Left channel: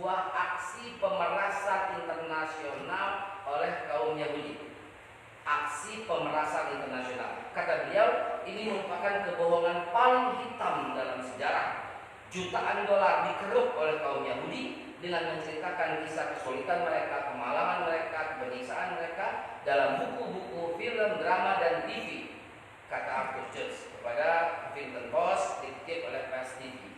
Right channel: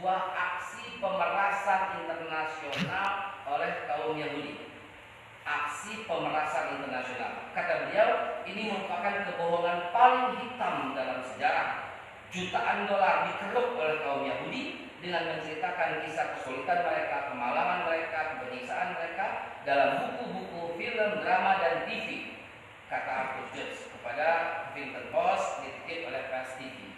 sebuah aksi pemerasan internasional oleh kaum Yahudi. Aksi pemerasan internasional. Kata beliau, ini merupakan kebohongan paling hitam dalam sejarah. Jutaan dolar dikeruk oleh kaum Yahudi dengan menceritakan kisah kesulitan mereka, kemalangan mereka, penyiksaan mereka dalam buku-buku, film, drama, dan TV. Kata Arthur Judge kepada Huffington Post, dikutip oleh Press TV.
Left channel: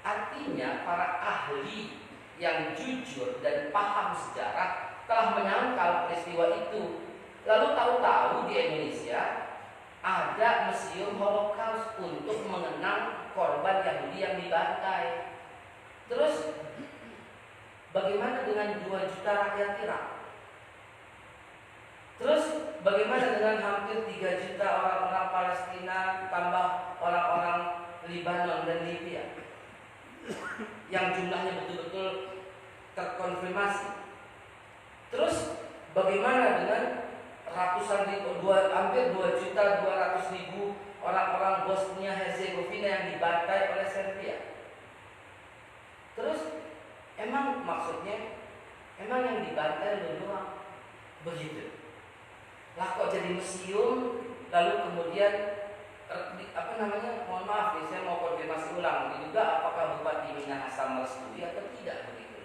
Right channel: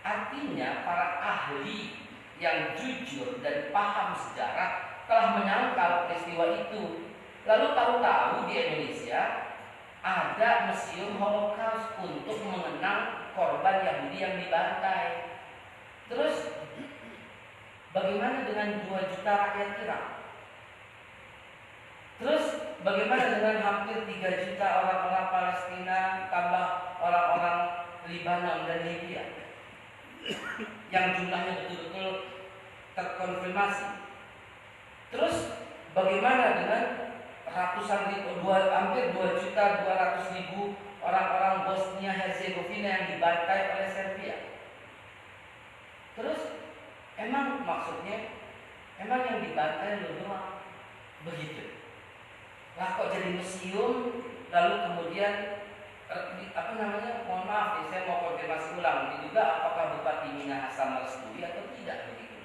Artinya para ahli yang jujur dan paham sejarah telah menyangkal peristiwa itu. Lalu tahu-tahu di Indonesia ada museum Holocaust untuk mengenang korban Yahudi yang dibantai. Terus bagaimana dengan 2 juta rakyat Irak? Terus bagaimana dengan hampir 3 juta orang-orang Palestina tambah orang-orang Libanon dan Libya yang jumlahnya betul-betul terkonfirmasi? Terus bagaimana dengan ratusan ribu, hampir 2.200.000 orang-orang Bosnia Herzegovina yang dibantai oleh Serbia? Terus emang maksudnya yang dibantai doang begitu? Lah kok jadi museum lalu kemudian mohon maaf nih, saya mau konfirmasi ulang itu juga, apakah Bupati Minahasa merestui atau tidak begitu?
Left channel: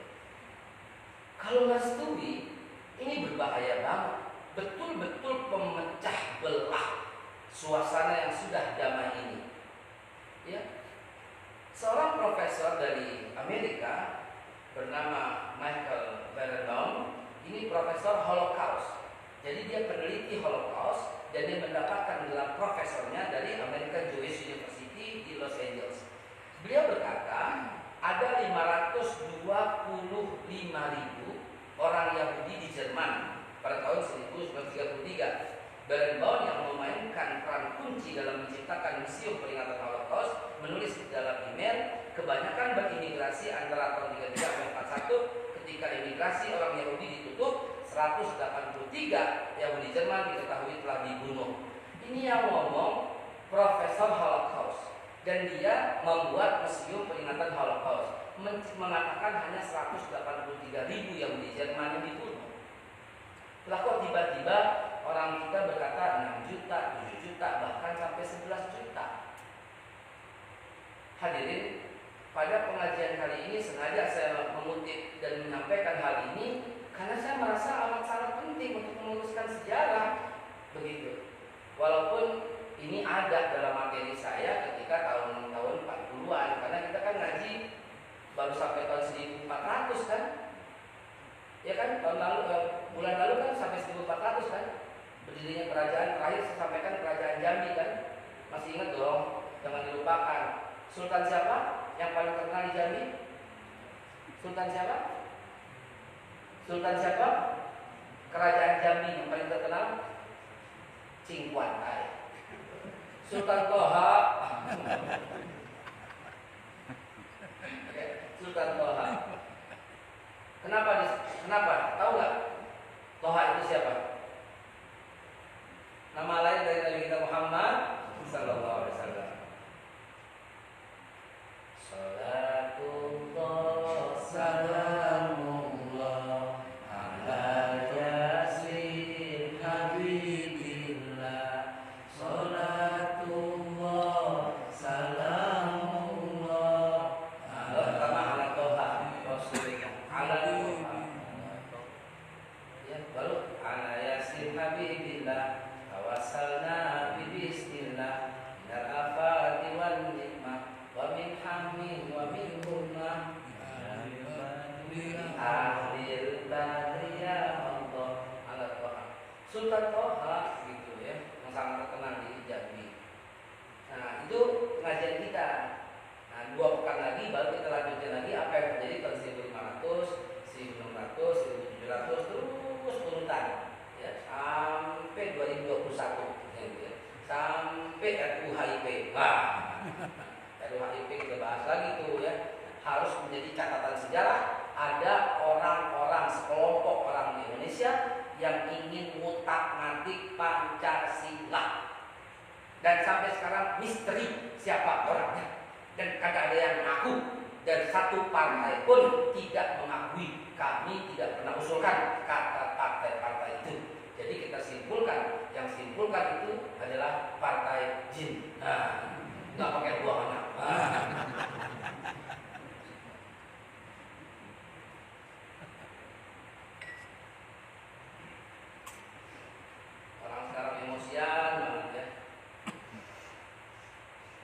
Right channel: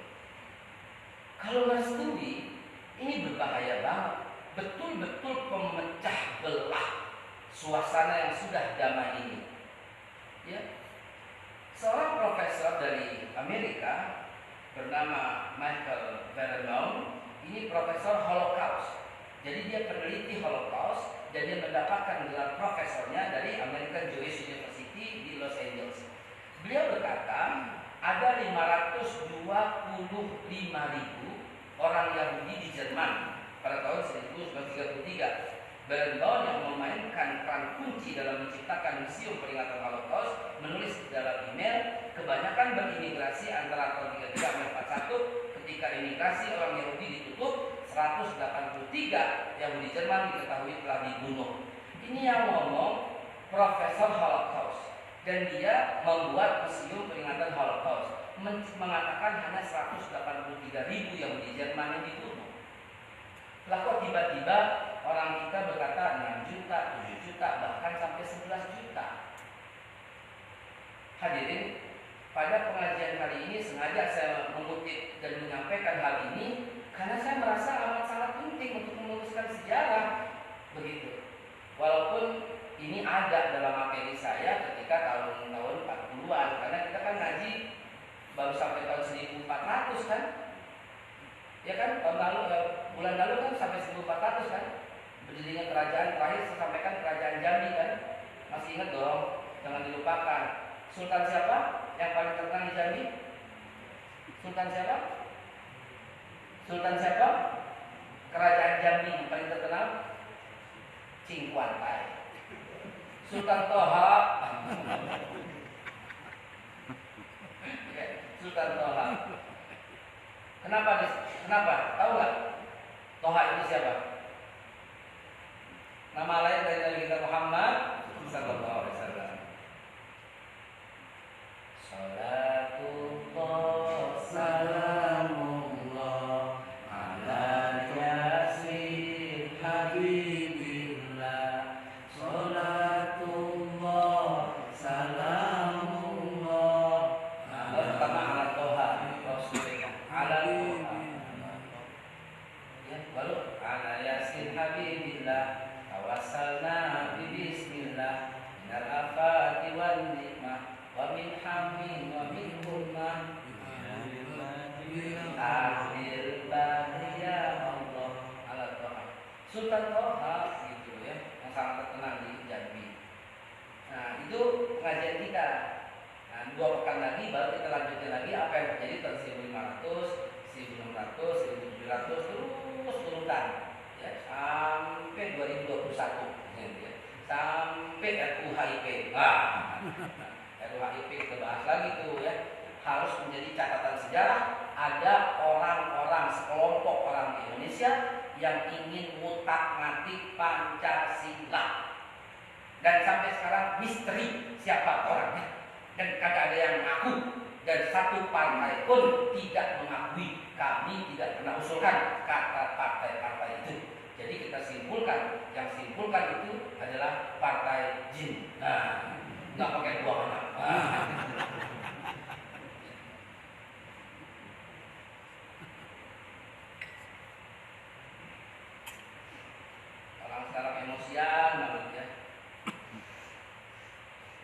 Kalau merestui, ini berbahaya banget. Betul-betul pemecah belah suasana yang sudah damai ini. Ya. Seorang profesor dari Amerika bernama Michael Vernon, ini profesor Holocaust. Jadi dia peneliti Holocaust dan dia mendapatkan gelar profesornya dari American Jewish University di Los Angeles. Beliau berkata, ada 525.000 orang Yahudi di Jerman pada tahun 1933. Barenbaum yang memainkan peran kunci dalam menciptakan museum peringatan Holocaust menulis di dalam email, kebanyakan berimigrasi antara tahun 1933 dan 1941. Ketika imigrasi orang Yahudi ditutup, 183 Yahudi Jerman diketahui telah dibunuh. Ini yang ngomong Profesor Holocaust, dan dia membuat museum peringatan Holocaust, mengatakan hanya 183.000 Yahudi Jerman yang dibunuh. Lah kok tiba-tiba orang kita berkata 6 juta, 7 juta, bahkan sampai 11 juta. Hadirin, pada pengajian kali ini sengaja saya mengutip dan menyampaikan hal ini karena saya merasa amat sangat penting untuk menuliskan sejarah begitu. Walaupun ini ada dalam materi saya ketika tahun-tahun 40-an, karena kita kan ngaji baru sampai tahun 1400 kan? Ya kan, tahun lalu, bulan lalu kan sampai 1400 kan? Berdirinya kerajaan, terakhir saya sampaikan kerajaan Jambi kan? Masih ingat dong, jangan dilupakan. Sultan siapa yang paling terkenal di Jambi? Sultan siapa? Sultan siapa? Kerajaan Jambi yang paling terkenal? Cingkuantai. Sultan Toha. Sultan Toha. Kenapa? Tahu nggak? Toha itu siapa? Nama lain dari Nabi kita Muhammad sallallahu alaihi wasallam. Salatullah salamullah ala yasin habibillah. Salatullah salamullah ala Toha Rasulullah ala Toha. Ya, baru ala yasin habibillah tawasalna bismillah minal afati wan nikmah wa min hammin wa min hummah akhir bariyah Allah ala Toha. Sultan Toha gitu ya, yang sangat terkenal di Jambi. Nah, itu pengajian kita. Nah, 2 pekan lagi baru kita lanjutin lagi apa yang terjadi tahun 1500, 1600, 1700 terus urutan ya sampai 2021 ya, gitu ya. Sampai RUHIP. RUHIP kita bahas lagi tuh ya. Harus menjadi catatan sejarah, ada orang-orang, sekelompok orang di Indonesia yang ingin ngutak-ngatik Pancasila. Dan sampai sekarang misteri siapa orangnya. Dan kagak ada yang ngaku dan satu partai pun tidak mengakui. Kami tidak pernah usulkan kata partai-partai itu. Jadi kita simpulkan, yang simpulkan itu adalah partai jin. Nah, nggak pakai dua anak. Orang sekarang emosian banget ya.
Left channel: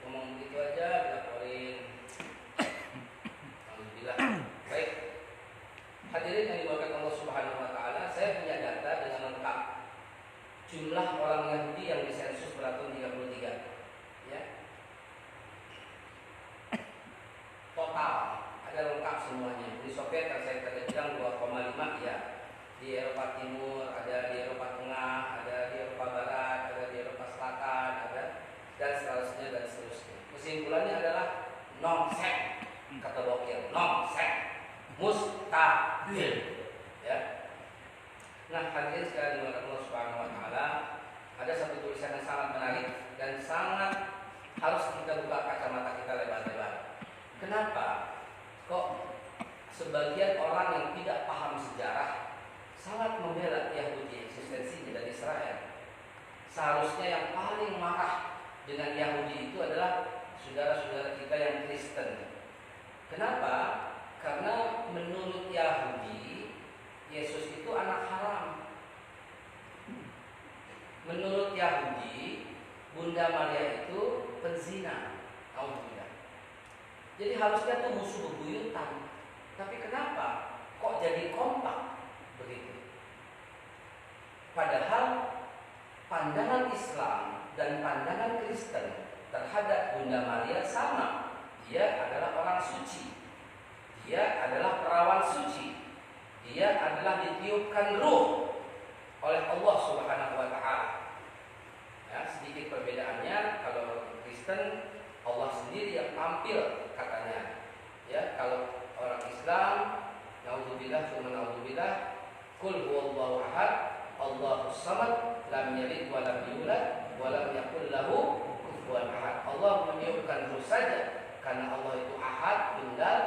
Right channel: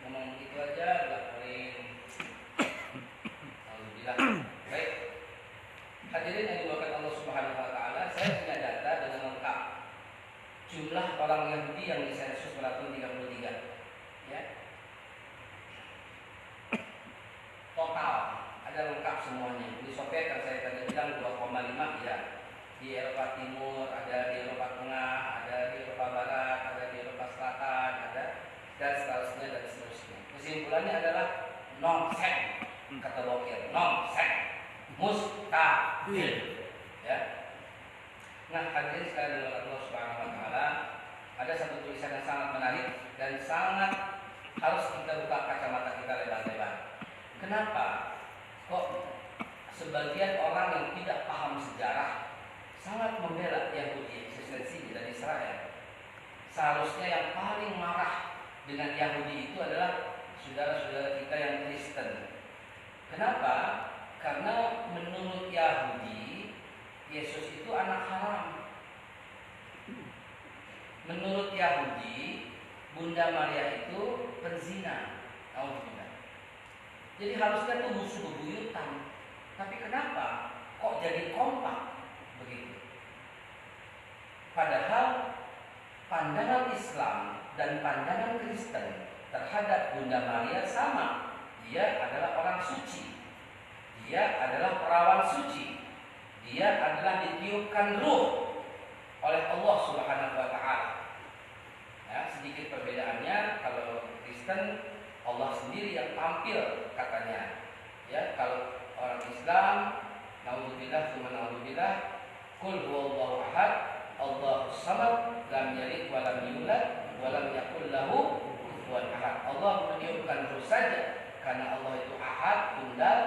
Ngomong begitu aja dilaporin. Alhamdulillah. Baik. Hadirin yang dimuliakan Allah Subhanahu wa taala, saya punya data dengan lengkap. Jumlah orang Yahudi yang disensus pada tahun 33. Ya. Total ada lengkap semuanya. Uni Soviet yang saya tadi bilang 2,5 ya. Di Eropa Timur, ada di Eropa Tengah, ada di Eropa Barat, ada di Eropa Selatan, ada dan seterusnya dan seterusnya. Kesimpulannya adalah nonsen, kata Bokir, nonsen, mustahil. Ya. Nah, hadirin sekalian oleh Allah Subhanahu wa taala, ada satu tulisan yang sangat menarik dan sangat harus kita buka kacamata kita lebar-lebar. Kenapa kok sebagian orang yang tidak paham sejarah sangat membela Yahudi eksistensinya dan Israel? Seharusnya yang paling marah dengan Yahudi itu adalah saudara-saudara kita yang Kristen. Kenapa? Karena menurut Yahudi Yesus itu anak haram. Menurut Yahudi Bunda Maria itu penzina. Alhamdulillah. Jadi harusnya itu musuh bebuyutan. Tapi kenapa kok jadi kompak begitu? Padahal pandangan Islam dan pandangan Kristen terhadap Bunda Maria sama. Dia adalah orang suci. Dia adalah perawan suci. Dia adalah ditiupkan ruh oleh Allah Subhanahu wa taala. Ya, sedikit perbedaannya, kalau Kristen Allah sendiri yang tampil katanya. Ya, kalau orang Islam naudzubillah tsumma naudzubillah, qul huwallahu ahad, Allahus samad, lam yalid wa lam yulad wa lam yakul lahu kufuwan ahad. Allah meniupkan ruh saja karena Allah itu ahad, tunggal.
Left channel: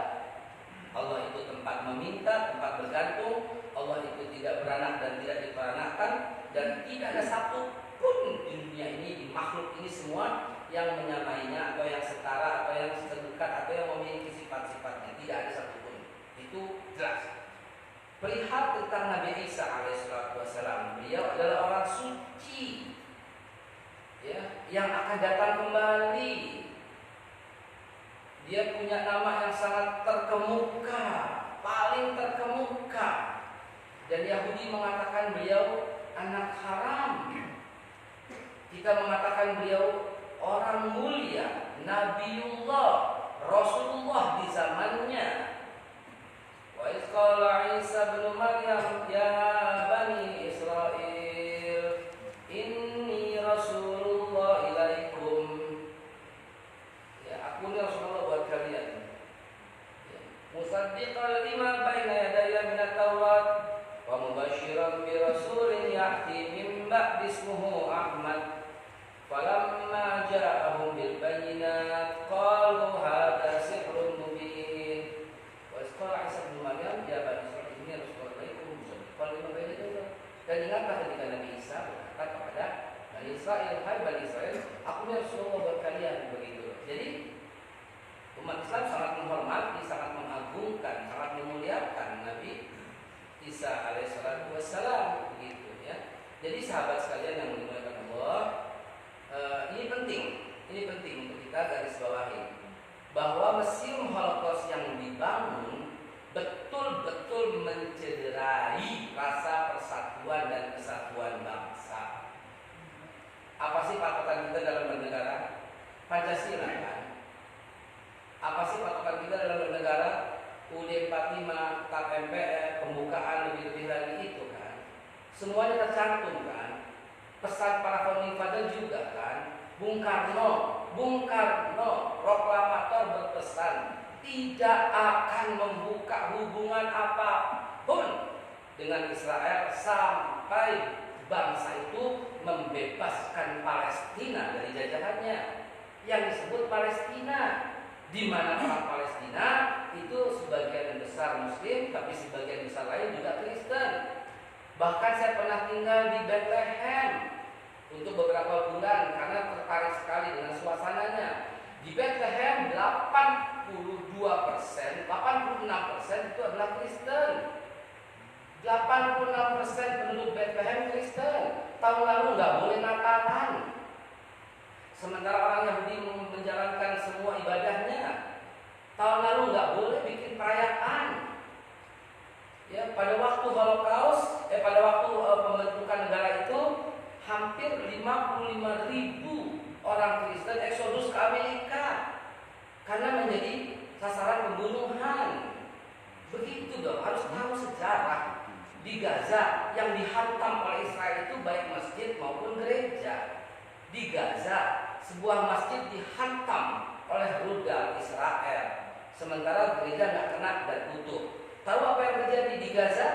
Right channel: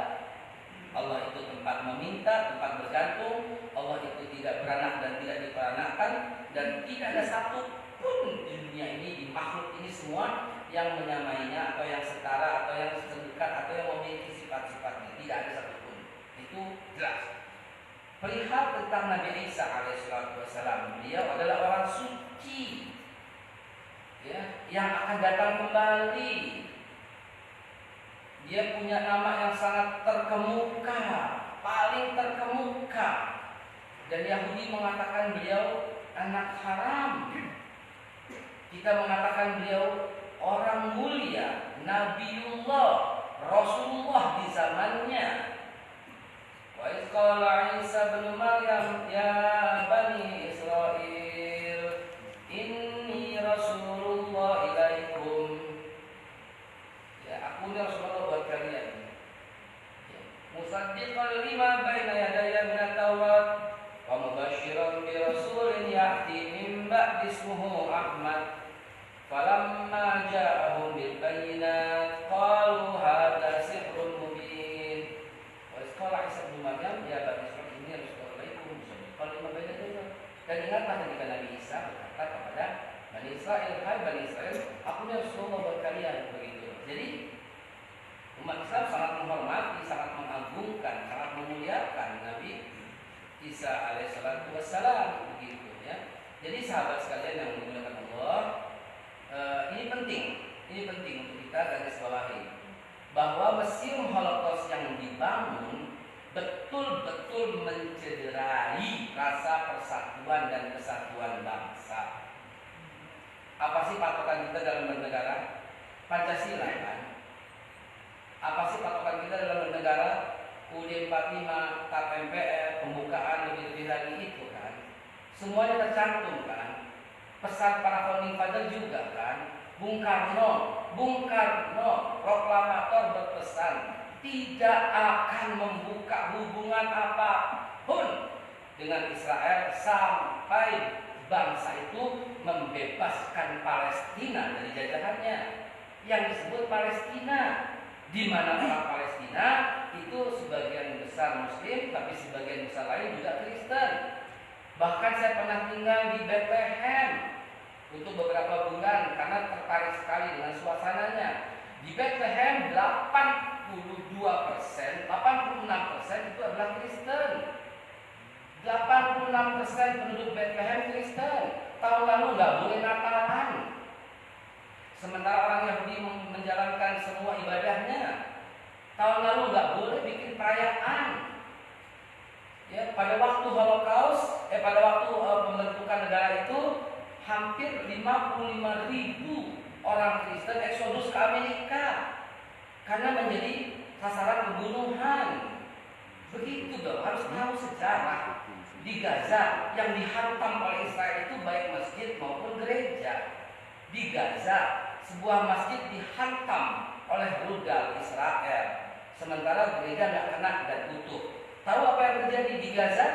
Allah itu tempat meminta, tempat bergantung. Allah itu tidak beranak dan tidak diperanakkan, dan tidak ada satu pun di dunia ini, di makhluk ini semua yang menyamainya atau yang setara atau yang sedekat atau yang memiliki sifat-sifatnya. Tidak ada satupun. Itu jelas. Perihal tentang Nabi Isa alaihissalam, beliau adalah orang suci, ya, yang akan datang kembali. Dia punya nama yang sangat terkemuka, paling terkemuka. Dan Yahudi mengatakan beliau anak haram. Kita mengatakan beliau orang mulia, Nabiullah, Rasulullah di zamannya. Wa idz qala Isa bin Maryam ya bani Israil inni rasulullah ilaikum. Ya, aku ni Rasulullah buat kalian. Ya. Musaddiqan lima baina yadayya min at-Taurat wa mubasysyiran bi rasulin ya'ti min ba'di ismuhu Ahmad. Falamma ja'ahum bil bayyinat qalu hadza sihrun mubin. Wa qala Isa bin Maryam ya bani Israil inni rasulullah ilaikum musaddiqan lima baina yadayya. Dan ingatlah ketika Nabi Isa berkata kepada Bani Israil, hai Bani Israil, aku ni Rasulullah buat kalian, begitu. Jadi umat Islam sangat menghormati, sangat mengagungkan, sangat memuliakan Nabi Isa alaihissalatu wassalam, begitu ya. Jadi sahabat sekalian yang dimuliakan Allah, ini penting untuk kita garis bawahi bahwa Museum Holocaust yang dibangun betul-betul mencederai rasa persatuan dan kesatuan bangsa. Apa sih patokan kita dalam bernegara? Pancasila kan? Apa sih patokan kita dalam bernegara? UUD 45, TAP MPR, pembukaan lebih-lebih lagi itu kan? Semuanya tercantum kan? Pesan para founding father juga kan? Bung Karno, proklamator berpesan tidak akan membuka hubungan apapun dengan Israel sampai bangsa itu membebaskan Palestina dari jajahannya. Yang disebut Palestina di mana orang Palestina itu sebagian besar Muslim, tapi sebagian besar lain juga Kristen. Bahkan saya pernah tinggal di Bethlehem untuk beberapa bulan karena tertarik sekali dengan suasananya. Di Bethlehem 82%, 86% itu adalah Kristen. 86% penduduk Bethlehem Kristen. Tahun lalu nggak boleh Natalan. Sementara orang Yahudi menjalankan semua ibadahnya. Tahun lalu nggak boleh bikin perayaan. Ya, pada waktu Holocaust, pada waktu pembentukan negara itu, hampir 55.000 orang Kristen eksodus ke Amerika karena menjadi sasaran pembunuhan. Begitu dong, harus tahu sejarah. Di Gaza yang dihantam oleh Israel itu baik masjid maupun gereja. Di Gaza sebuah masjid dihantam oleh rudal Israel, sementara gereja nggak kena dan tutup. Tahu apa yang terjadi di Gaza?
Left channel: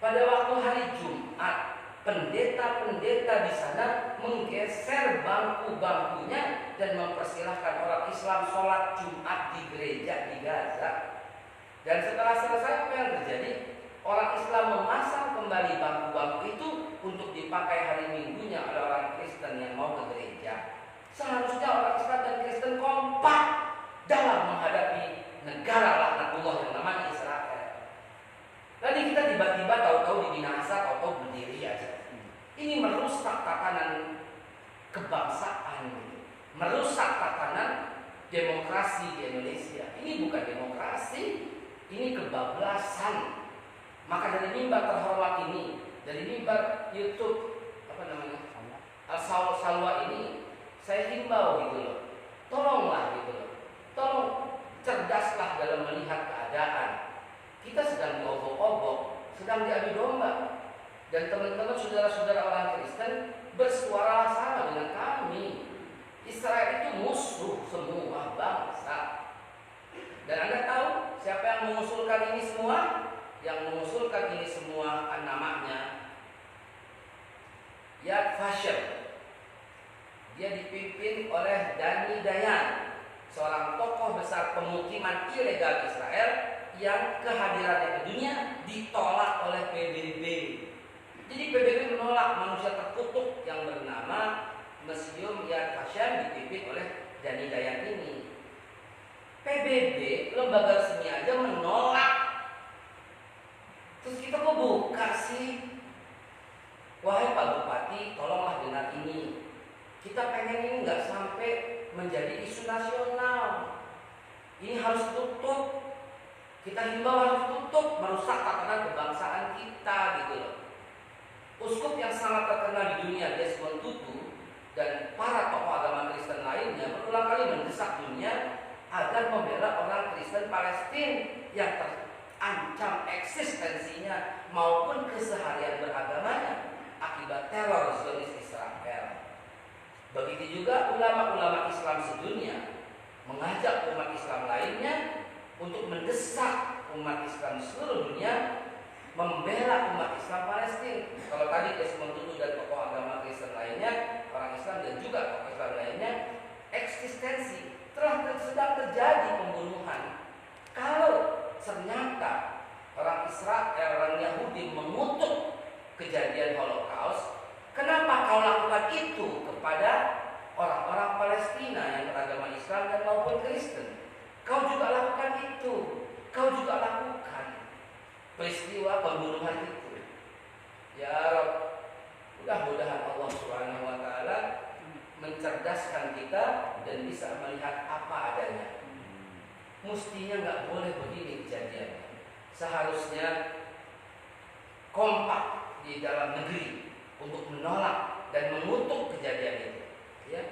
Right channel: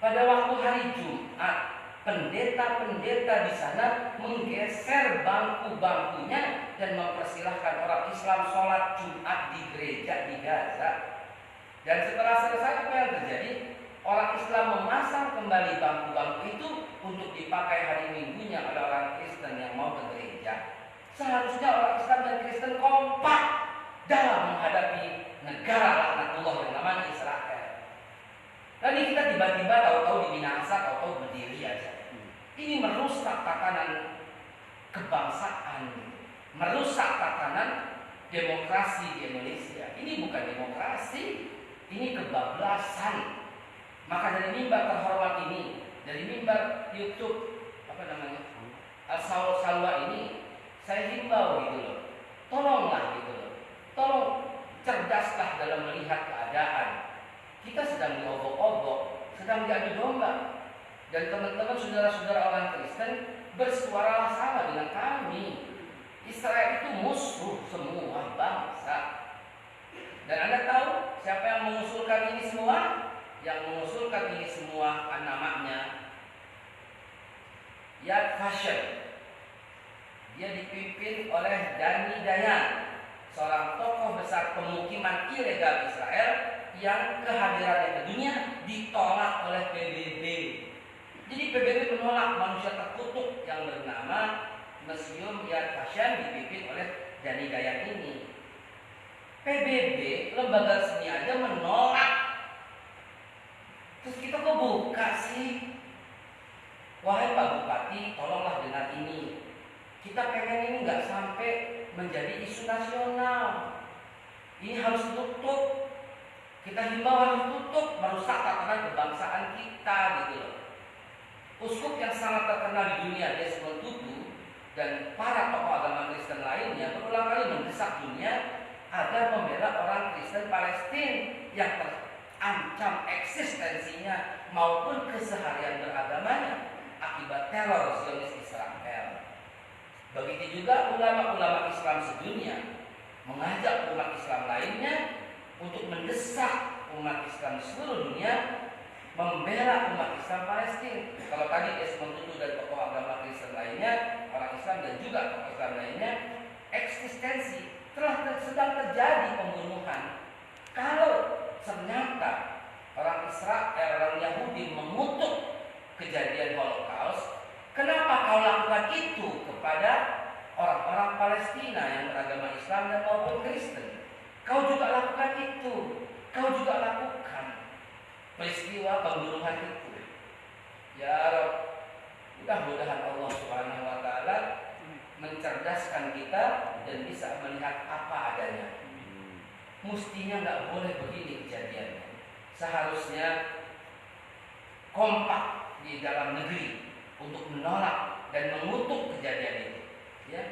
Pada waktu hari Jumat, pendeta-pendeta di sana menggeser bangku-bangkunya dan mempersilahkan orang Islam sholat Jumat di gereja di Gaza. Dan setelah selesai, apa yang terjadi? Orang Islam memasang kembali bangku-bangku itu untuk dipakai hari Minggunya oleh orang Kristen yang mau ke gereja. Seharusnya orang Islam dan Kristen kompak dalam menghadapi negara laknatullah yang namanya Israel. Tadi kita tiba-tiba tahu-tahu dibinasa, tahu-tahu berdiri aja. Ini merusak tatanan kebangsaan, merusak tatanan demokrasi di Indonesia. Ini bukan demokrasi, ini kebablasan. Maka dari mimbar terhormat ini, dari mimbar YouTube Salwa ini, saya himbau gitu loh, tolonglah gitu loh, tolong cerdaslah dalam melihat keadaan. Kita sedang diobok-obok, sedang diadu domba. Dan teman-teman saudara-saudara orang Kristen bersuara sama dengan kami. Israel itu musuh semua bangsa. Dan Anda tahu siapa yang mengusulkan ini semua? Yang mengusulkan ini semua namanya Yad Vashem. Dia dipimpin oleh Dani Dayan, seorang tokoh besar pemukiman ilegal Israel yang kehadirannya ke dunia ditolak oleh PBB. Jadi PBB menolak manusia terkutuk yang bernama Museum Yad Vashem dipimpin oleh Dani Dayan ini. PBB, lembaga resmi aja menolak. Terus kita kok buka sih? Wahai Pak Bupati, tolonglah dengar ini. Kita pengen ini nggak sampai menjadi isu nasional. Ini harus tutup. Kita himbau harus tutup, merusak tatanan kebangsaan kita gitu loh. Uskup yang sangat terkenal di dunia, Desmond Tutu, dan para tokoh agama Kristen lainnya berulang kali mendesak dunia agar membela orang Kristen Palestina yang terancam eksistensinya maupun keseharian beragamanya akibat teror Zionis Israel. Begitu juga ulama-ulama Islam sedunia mengajak umat Islam lainnya untuk mendesak umat Islam di seluruh dunia membela umat Islam Palestina. Kalau tadi Desmond Tutu dan tokoh agama Kristen lainnya, orang Islam dan juga tokoh Islam lainnya, eksistensi sedang terjadi pembunuhan. Kalau ternyata orang Israel, orang Yahudi mengutuk kejadian Holocaust, kenapa kau lakukan itu kepada orang-orang Palestina yang beragama Islam dan maupun Kristen? Kau juga lakukan itu, kau juga lakukan peristiwa pembunuhan itu. Ya Rabb, mudah-mudahan Allah Subhanahu wa taala mencerdaskan kita dan bisa melihat apa adanya. Mestinya nggak boleh begini kejadiannya. Seharusnya kompak di dalam negeri untuk menolak dan mengutuk kejadian itu. Ya.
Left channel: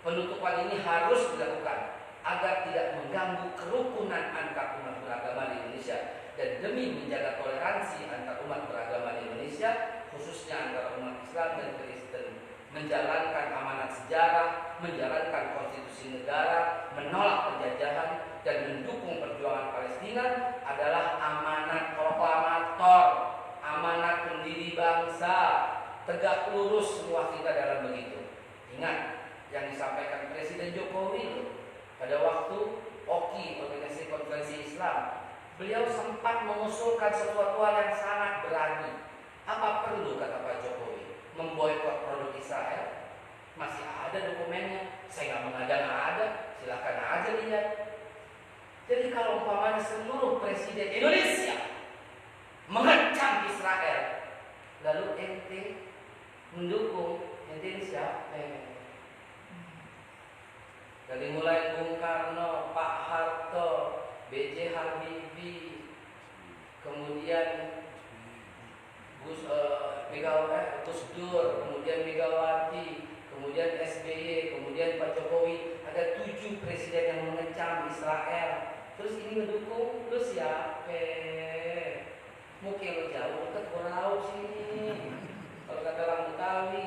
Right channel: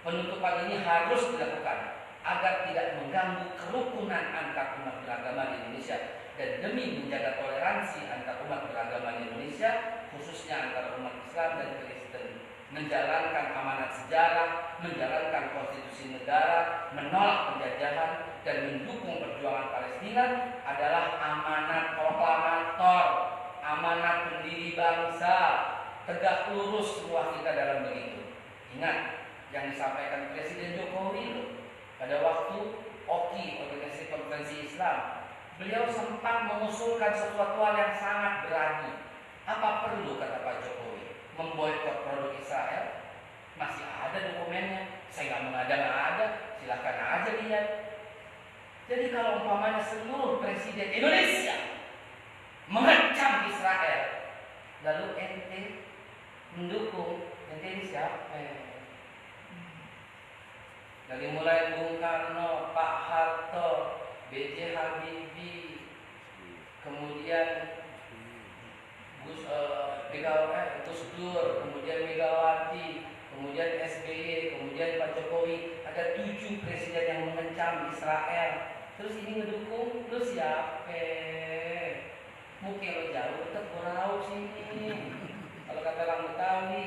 Penutupan ini harus dilakukan agar tidak mengganggu kerukunan antar umat beragama di Indonesia dan demi menjaga toleransi antar umat beragama di Indonesia, khususnya antara umat Islam dan Kristen, menjalankan amanat sejarah, menjalankan konstitusi negara, menolak penjajahan dan mendukung perjuangan Palestina adalah amanat proklamator, amanat pendiri bangsa. Tegak lurus semua kita dalam begitu. Ingat, yang disampaikan Presiden Jokowi loh. Pada waktu OKI, Organisasi Konferensi Islam, beliau sempat mengusulkan sesuatu hal yang sangat berani. Apa perlu, kata Pak Jokowi, memboikot produk Israel? Masih ada dokumennya, saya mengada-ngada, silahkan aja lihat. Jadi kalau umpamanya seluruh presiden Indonesia mengecam Israel, lalu ente mendukung, ente ini siapa? Dari mulai Bung Karno, Pak Harto, B.J. Habibie, kemudian Gus Dur, kemudian Megawati, kemudian SBY, kemudian Pak Jokowi, ada 7 presiden yang mengecam Israel. Terus ini ngedukung, lu siapa? Mungkin lo jauh, tetap berau sini. Kalau kata orang Betawi,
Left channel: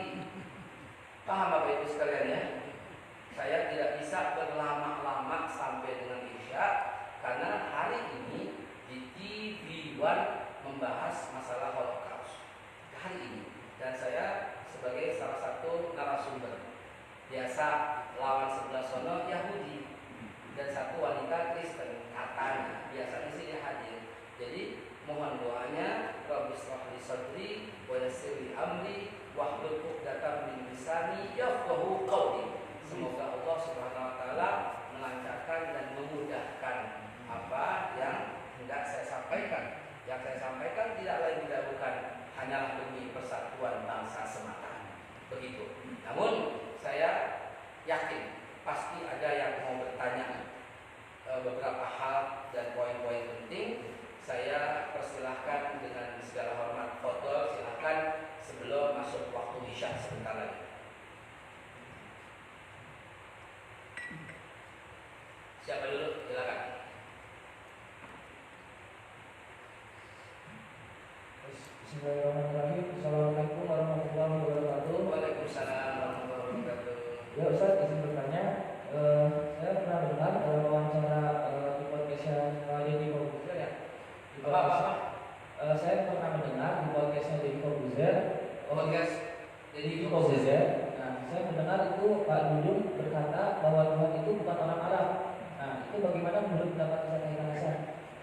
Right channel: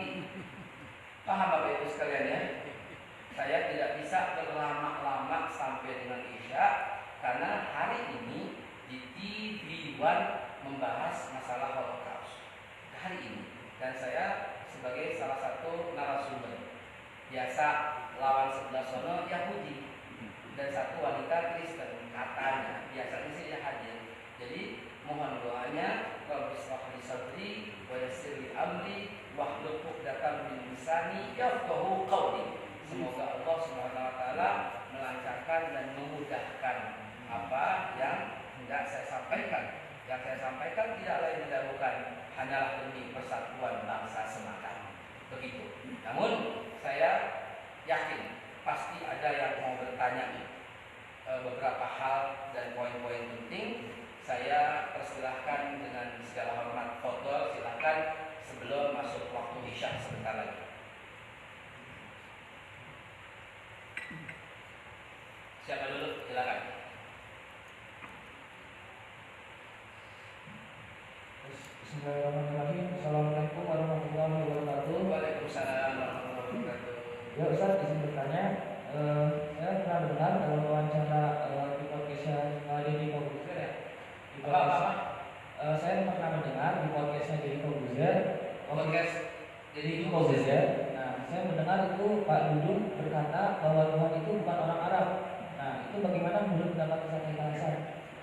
paham Bapak Ibu sekalian ya? Saya tidak bisa berlama-lama sampai dengan Isya karena hari ini di TV One membahas masalah Holocaust hari ini, dan saya sebagai salah satu narasumber. Biasa lawan sebelah sono Yahudi dan satu wanita Kristen katanya, biasanya sih dia hadir. Jadi mohon doanya, Rabbi shrah li sadri wa yassir li amri wahlul 'uqdatam min lisani yafqahu qawli. Semoga Allah Subhanahu wa taala melancarkan dan memudahkan apa yang hendak saya sampaikan. Yang saya sampaikan tidak lain tidak bukan hanyalah demi persatuan bangsa semata. Begitu. Namun saya yakin pasti ada yang mau bertanya beberapa hal dan poin-poin penting. Saya persilahkan dengan segala hormat foto, silakan sebelum masuk waktu Isya sebentar lagi. Siapa dulu? Silakan. Bismillahirrahmanirrahim. Assalamualaikum warahmatullahi wabarakatuh. Waalaikumsalam warahmatullahi wabarakatuh. Ya Ustaz, izin bertanya. Saya pernah dengar dalam wawancara di podcastnya Deddy Corbuzier ya. Saya pernah mendengar di podcastnya Deddy Corbuzier. Podcast Deddy Corbuzier. Nah, saya mendengar itu Pak Dudung berkata bahwa Tuhan itu bukan orang Arab. Nah, itu bagaimana menurut pendapat Ustaz?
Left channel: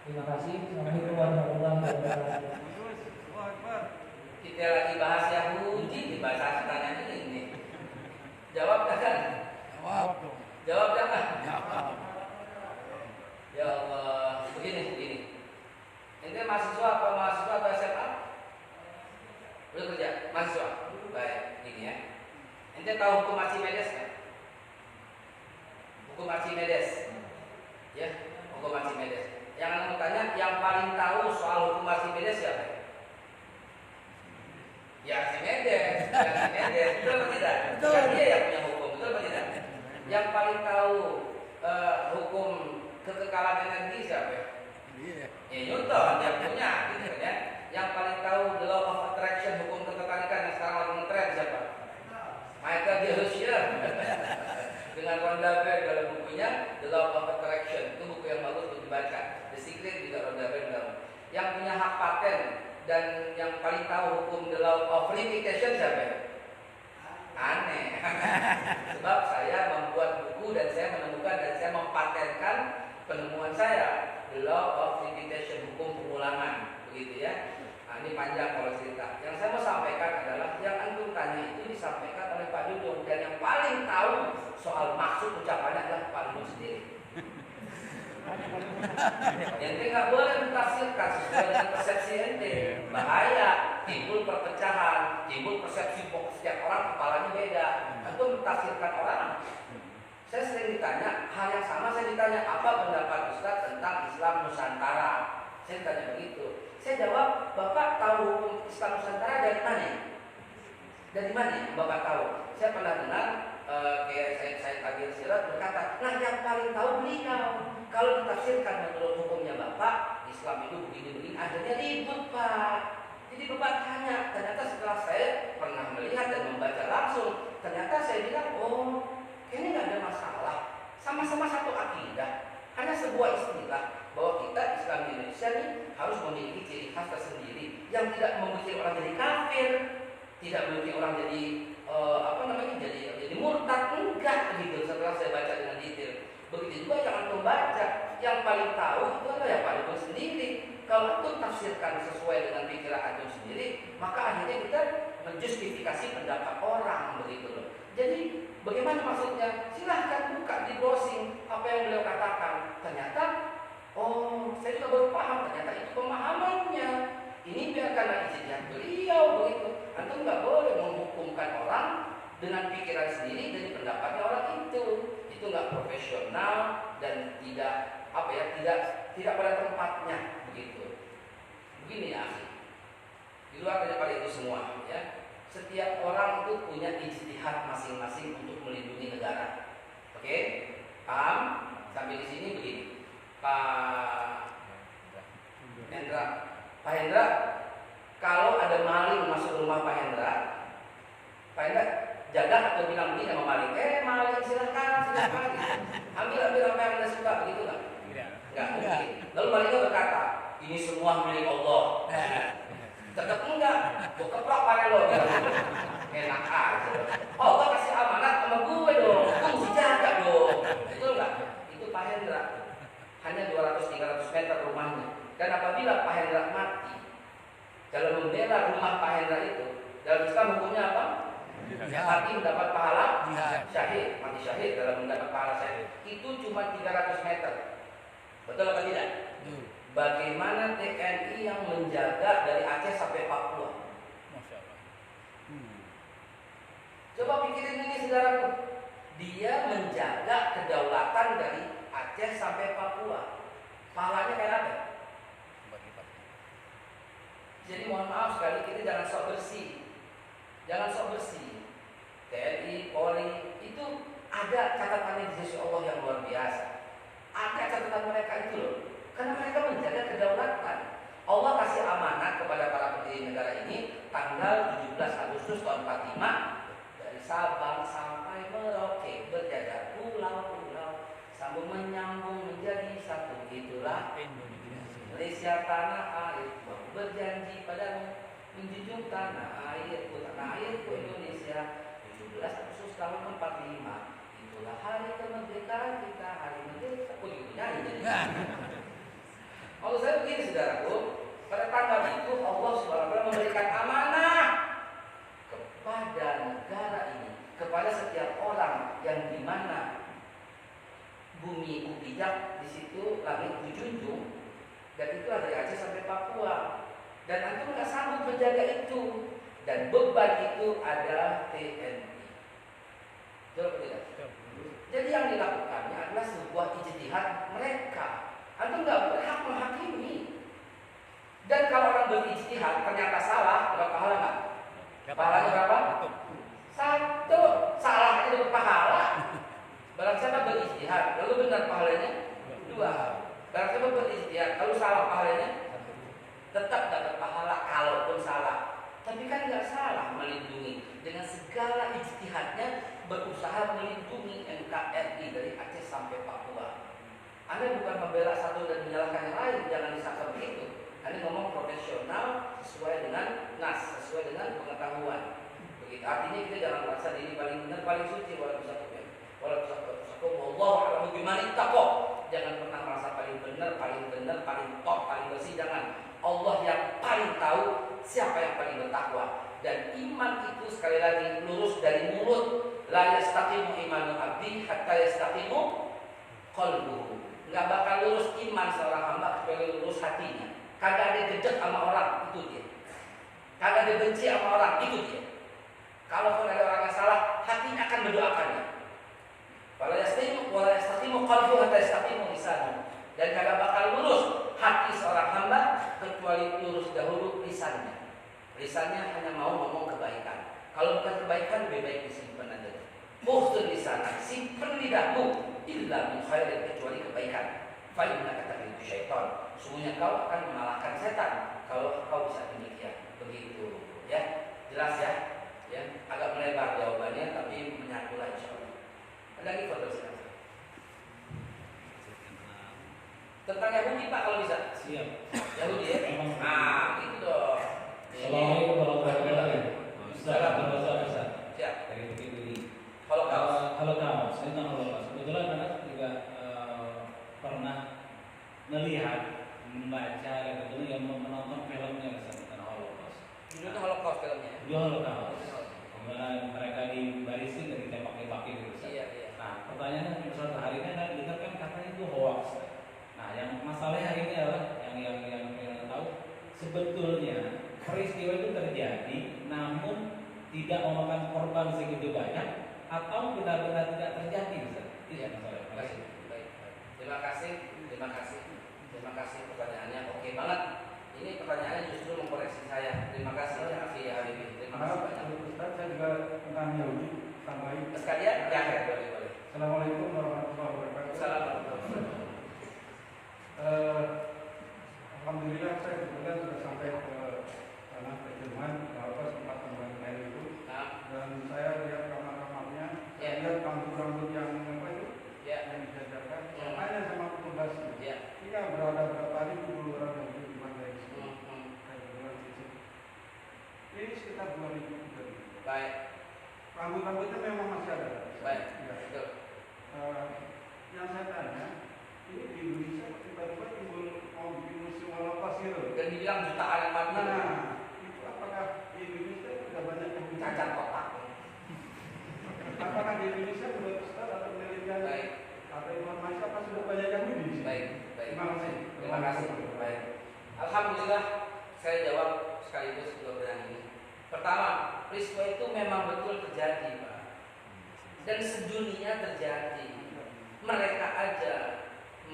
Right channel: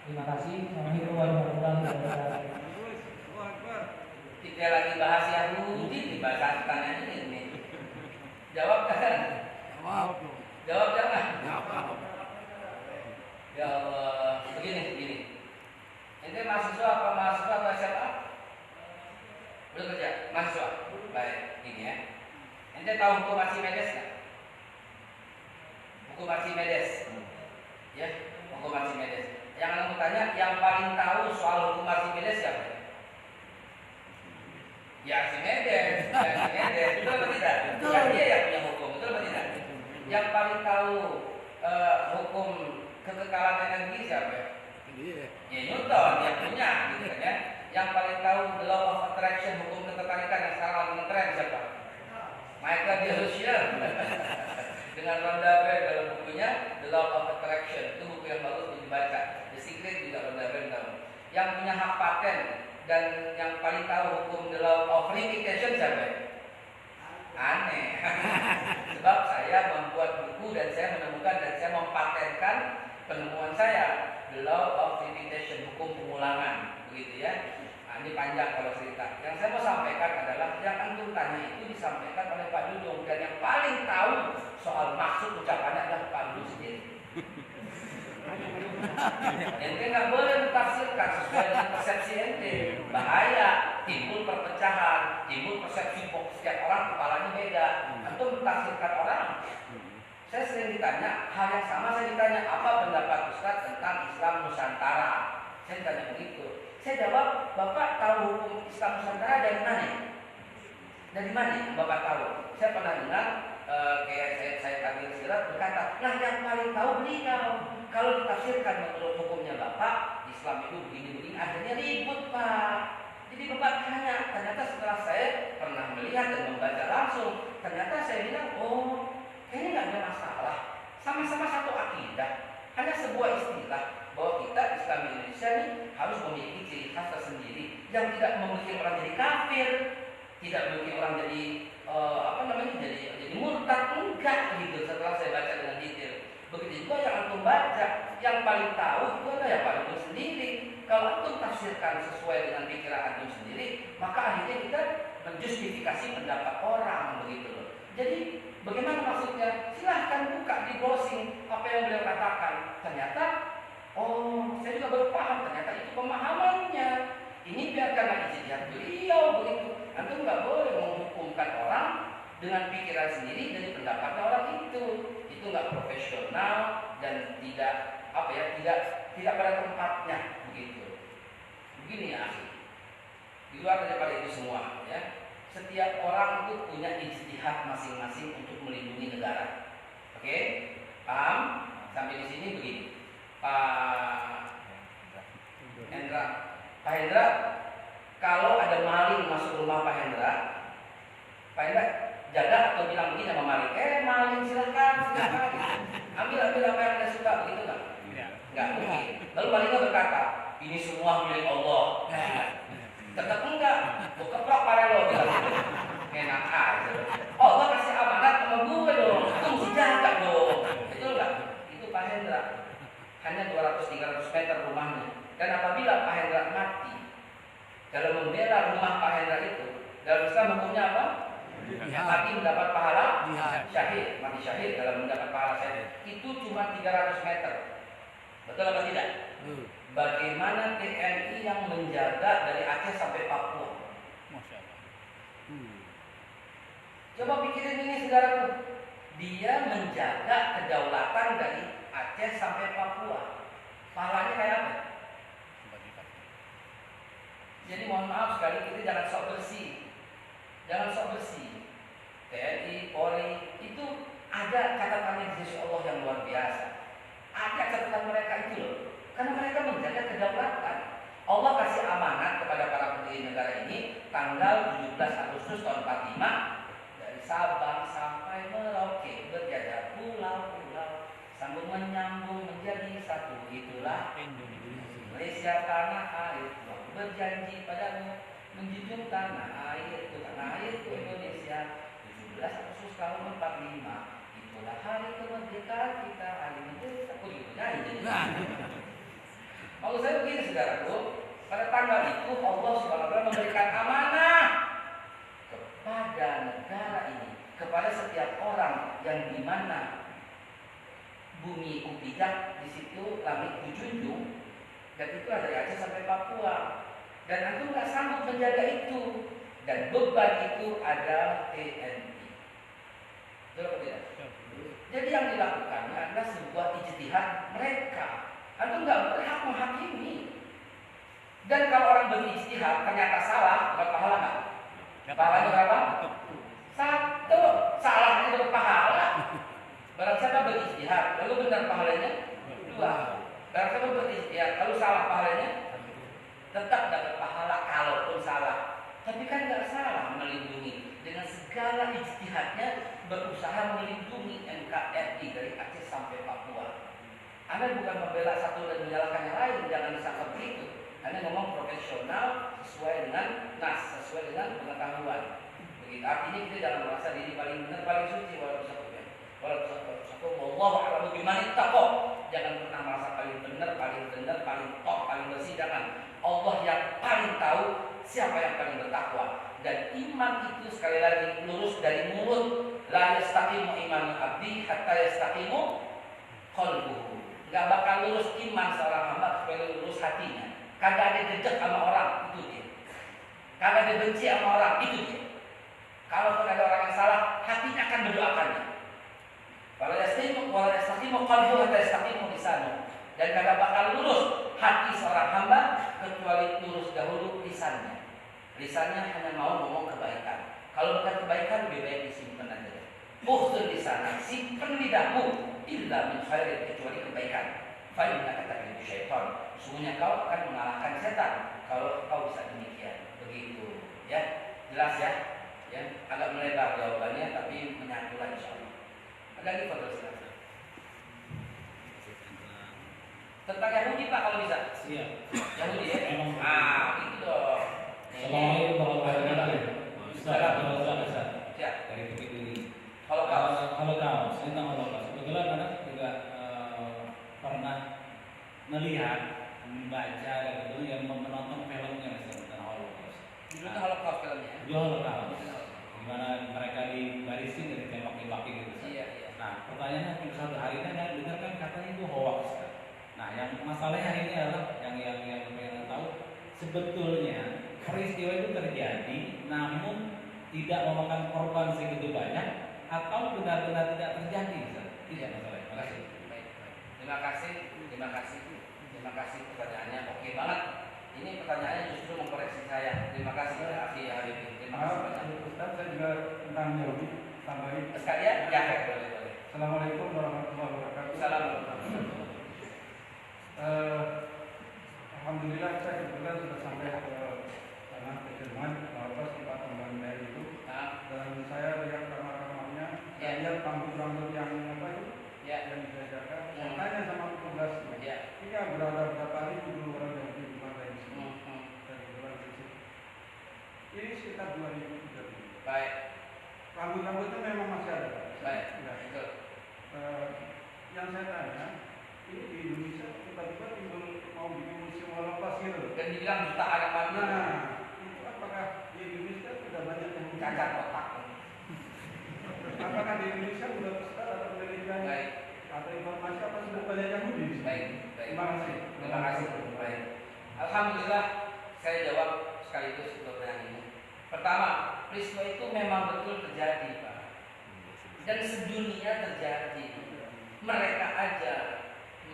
Terima kasih. Assalamualaikum warahmatullahi wabarakatuh. Kita lagi bahas Yahudi, dibahas tanya ini. Jawab kan? Jawab jangan. Ya Allah, begini. Ente mahasiswa atau SMA? Udah kerja? Mahasiswa? Baik, gini ya. Ente tahu hukum Archimedes nggak? Hukum Archimedes, ya, hukum Archimedes. Yang aku tanya, yang paling tahu soal hukum Archimedes siapa? Ya Archimedes, betul atau tidak? Bukan dia yang punya hukum, betul atau tidak? Yang paling tahu hukum kekekalan energi siapa? Ya Newton yang punya, gitu kan? Yang paling tahu the law of attraction, hukum ketertarikan yang sekarang lagi ngetren siapa? Michael Dilution dengan Rhonda Byrne dalam bukunya The Law of Attraction. Itu buku yang bagus untuk dibaca. The Secret juga Rhonda Byrne. Yang punya hak paten dan yang paling tahu hukum the law of repetition siapa? Aneh. Sebab saya membuat buku dan saya menemukan dan saya mempatenkan penemuan saya, the law of repetition, hukum pengulangan, begitu ya. Nah, ini panjang kalau cerita. Yang saya mau sampaikan adalah yang antum tanya itu disampaikan oleh Pak Dudung, dan yang paling tahu soal maksud ucapannya adalah Pak Dudung sendiri. Ente nggak boleh mentafsirkan sesuai dengan persepsi ente, bahaya, timbul perpecahan, timbul persepsi setiap orang kepalanya beda. Antum mentafsirkan orang. Saya sering ditanya hal yang sama, saya ditanya apa pendapat Ustaz tentang Islam Nusantara. Saya ditanya begitu. Saya jawab, Bapak tahu Islam Nusantara dari mana? Dari mana Bapak tahu? Saya pernah dengar kayak saya tadi silat berkata, nah yang paling tahu beliau. Kalau ditafsirkan menurut hukumnya Bapak, Islam itu begini-begini, akhirnya ribut Pak. Jadi Bapak tanya, ternyata setelah saya pernah melihat dan membaca langsung, ternyata saya bilang, oh ini nggak ada masalah, sama-sama satu akidah, hanya sebuah istilah bahwa kita Islam Indonesia ini harus memiliki ciri khas tersendiri yang tidak membuat orang jadi kafir, tidak membuat orang jadi apa namanya jadi murtad, enggak gitu setelah saya baca dengan detail. Begitu juga yang antum baca, yang paling tahu itu adalah yang paling sendiri. Kalau antum tafsirkan sesuai dengan pikiran antum sendiri, maka akhirnya kita menjustifikasi pendapat orang begitu loh. Jadi bagaimana maksudnya? Silahkan buka di browsing apa yang beliau katakan. Ternyata, oh saya juga baru paham, ternyata itu pemahamannya. Ini biar karena ijtihad beliau begitu. Antum nggak boleh menghukumkan orang dengan pikiran sendiri dari pendapatnya orang itu. Itu nggak profesional dan tidak apa ya, tidak pada tempatnya begitu. Begini ya, di luar daripada itu semua ya. Setiap orang itu punya ijtihad masing-masing untuk melindungi negara. Oke? Paham? Sampai di sini begini. Pak Hendra, Pak Hendra, kalau ada maling masuk rumah Pak Hendra jaga atau bilang begini sama maling, maling silakan, ambil apa yang Anda suka, begitu nggak? Nggak mungkin. Lalu malingnya berkata, ini semua milik Allah. Tetap enggak, gue keplak pada lo, enak aja. Oh, gue kasih amanat sama gue dong, gue mesti jaga dong. Itu enggak, itu Pak Hendra. Hanya 200-300 meter rumahnya. Dan apabila Pak Hendra mati, dalam membela rumah Pak Hendra itu, dalam Islam hukumnya apa? Mati mendapat pahala syahid, mati syahid dalam mendapat pahala syahid. Itu cuma 300 meter. Betul atau tidak? Bagaimana TNI yang menjaga dari Aceh sampai Papua? Coba pikirin ini saudaraku. Dia menjaga kedaulatan dari Aceh sampai Papua. Pahalanya kayak apa? Jadi mohon maaf sekali, kita jangan sok bersih. Jangan sok bersih. TNI, Polri itu ada catatan di sisi Allah yang luar biasa. Ada catatan mereka itu loh. Karena mereka menjaga kedaulatan. Allah kasih amanat kepada para pendiri negara ini tanggal 17 Agustus tahun 45 dari Sabang sampai Merauke berjajar pulau-pulau sambung menyambung menjadi satu. Itulah Malaysia tanah air. Berjanji padamu menjunjung tanah airku Indonesia. 17 Agustus tahun 45. Itulah hari kemerdekaan kita, hari merdeka. Jadi. Maksud saya begini saudaraku, pada tanggal itu Allah SWT memberikan amanah kepada negara ini, kepada setiap orang yang dimana bumi kupijak, di situ langit kujunjung, dan itu ada dari Aceh sampai Papua. Dan antum nggak sanggup menjaga itu, dan beban itu ada TNI. Betul tidak? Jadi yang dilakukannya adalah sebuah ijtihad mereka. Antum nggak berhak menghakimi. Dan kalau orang berijtihad ternyata salah, dapat pahala nggak? Pahalanya berapa? 1. Salahnya dapat pahala. Barang siapa berijtihad, lalu benar pahalanya 2. Barang siapa berijtihad, lalu salah pahalanya tetap dapat pahala kalaupun salah. Tapi kan nggak salah melindungi dengan segala ijtihadnya, berusaha melindungi NKRI dari Aceh sampai Papua. Anda bukan membela satu dan menyalahkan yang lain, jangan disangka begitu. Anda ngomong profesional sesuai dengan nas, sesuai dengan pengetahuan. Begitu. Artinya kita jangan merasa diri paling benar, paling suci. Wallahu a'lam bishawab. Jangan pernah merasa paling benar, paling top, paling bersih. Jangan. Allah yang paling tahu siapa yang paling bertakwa. Dan iman itu sekali lagi lurus dari mulut. La yastaqimu imanul abdi hatta yastaqimu qalbuhu. Nggak bakal lurus iman seorang hamba kecuali lurus hatinya. Kagak ada jejak sama orang, itu dia. Kagak ada benci sama orang, itu dia. Kalau ada orang yang salah, hatinya akan mendoakannya. Wala yastaqimu qalbuhu hatta yastaqimu lisanuhu. Dan kagak bakal lurus hati seorang hamba kecuali lurus dahulu lisannya. Lisannya hanya mau ngomong kebaikan. Kalau bukan kebaikan, lebih baik disimpan aja. Ukhtul lisan, simpan lidahmu illa min khairin, kecuali kebaikan. Fa inna kata itu syaitan. Sesungguhnya kau akan mengalahkan setan kalau kau bisa demikian. Begitu, ya. Jelas ya? Ya, agak melebar jawabannya tapi menyatulah insyaallah. Ada lagi foto silakan. Tentang Yahudi Pak kalau bisa. Siap. Yahudi ya. Itu dong. Assalamualaikum warahmatullahi wabarakatuh. Ustaz. Siap. Holocaust, tentang Holocaust. Kebetulan anak juga pernah melihat, membaca dan kemudian menonton filmnya tentang Holocaust. Itu Holocaust filmnya. Itu Holocaust. Dimana mereka dibarisin dan ditembak-tembakin gitu. Iya. Nah, pertanyaannya suatu hari ini ada dengar kan katanya itu hoax. Nah, yang masalahnya hari ini adalah yang tahu sebetulnya peristiwa itu terjadi, namun tidak memakan korban segitu banyak atau benar-benar tidak terjadi. Itu masalahnya. Terima kasih. Baik. Terima kasih pertanyaannya. Oke banget. Ini pertanyaannya justru mengkoreksi saya. Terima kasih ya Afi ya Habibie. Terima kasih banyak. Ustaz, saya juga tentang Yahudi tambahin. Sekalian ya boleh. Assalamualaikum warahmatullahi wabarakatuh. Assalamualaikum. Alhamdulillah saya kebetulan sudah sampai ke sana ke Jerman, walaupun tempat pembangunan itu. Dan saya lihat kamar-kamarnya, saya lihat rambut-rambut yang apa itu, yang dijajakan. Saya tanya sama petugasnya, ini berada berapa ribu orang yang di mana di sini? Saya kebetulan di situ. Ini sekitar 2.000. Baik. Rambut-rambutnya memang masih ada. Baik. Ya. Betul. Yang saya tanya, ini di Indonesia tiba-tiba timbul mau bikin museum Holocaust gitu. Dan dibilang jutaan yang mati. Nah, itu apakah di Indonesia tidak banyak yang Cacat otak. Apakah di Indonesia sudah Ustaz atau penelitian atau informasi apa sudah banyak yang di sini? Baik. Terima kasih. Terima kasih. Baik. Alhamdulillah saya jawab sekaligus untuk yang ini. Pertama, peristiwa itu memang betul terjadi, Pak. Dan sedunia terjadi. Mereka aja